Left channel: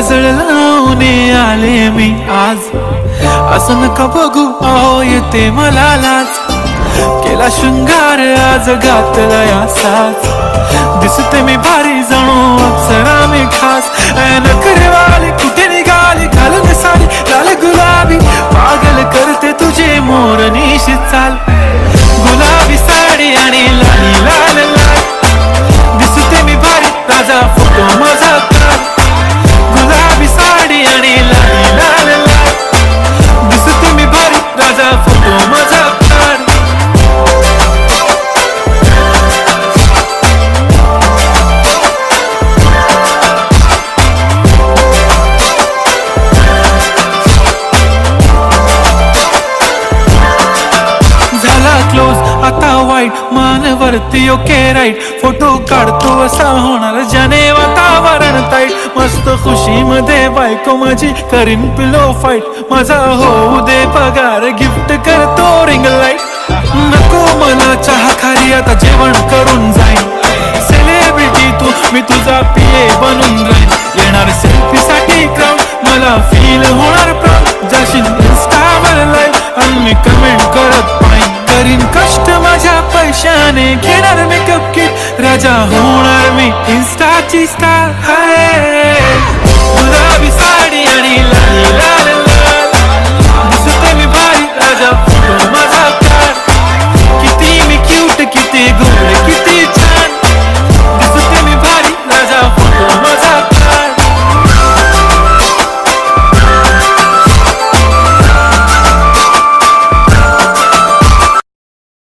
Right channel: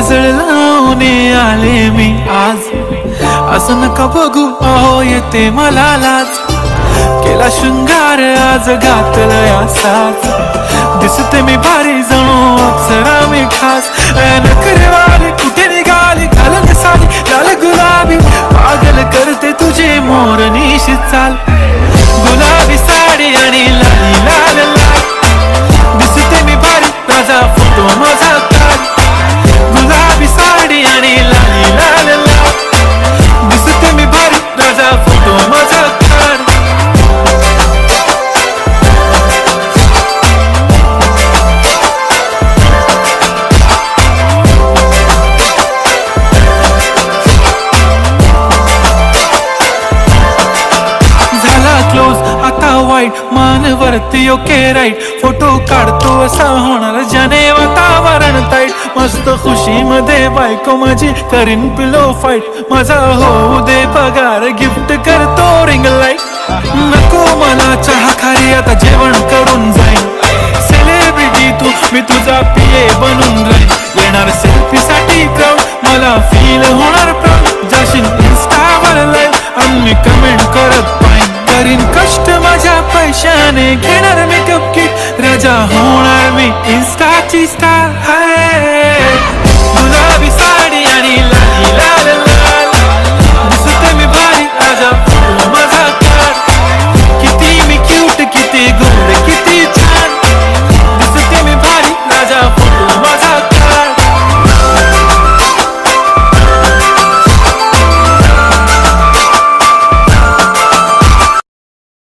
काजळ लावून आले मी आज, असं नका बघू अहो येते मला लाज. केला शृंगार आज घातलाय असाच, दिसते मी भारी जणू अप्सरा मी खास. नखरेवाली कुठे निघाली घालून साडी लाल गुलाबी, पागल करते तुझे मोरनीशी चाल. गुलाबी साडी आणि लाली लाल लाल, दिसते मी भारी राजा फोटो माझा काढ. गुलाबी साडी आणि लाली लाल लाल, दिसते मी भारी राजा फोटो माझा काढ. झाला क्लोज आता वाईट, मानवरती ओके राईट. फोटो काढतो असा होणार ज्याने वातावरण ताईट. मस्त खुशी मध्ये बायको माझी करीन पिलो फाईट. माझा होऊ दे पगार गिफ्ट करतो रिंग लाईट. नको मला चहा खारी आता जेवण करून जाईन. सेलिब्रिटी तू मी तुझा पिये बनून राहीन. येणार सेल्फी साठी क्राऊड मला फील होणार प्राऊड. जाशील इन्स्टावर लाईव्ह आणि मी कमेंट करत पाहिन. करीन कष्ट माझ्या पैशाने घेणार मेकअप किट. राजा होणार मी इन्स्टाची स्टार. हाय गुलाबी साडी आणि लाली लाल लाल, दिसते मी भारी राजा फोटो माझा काढ. किती मी क्यूट किती गोड किती छान, दिसते मी भारी राजा फोटो माझा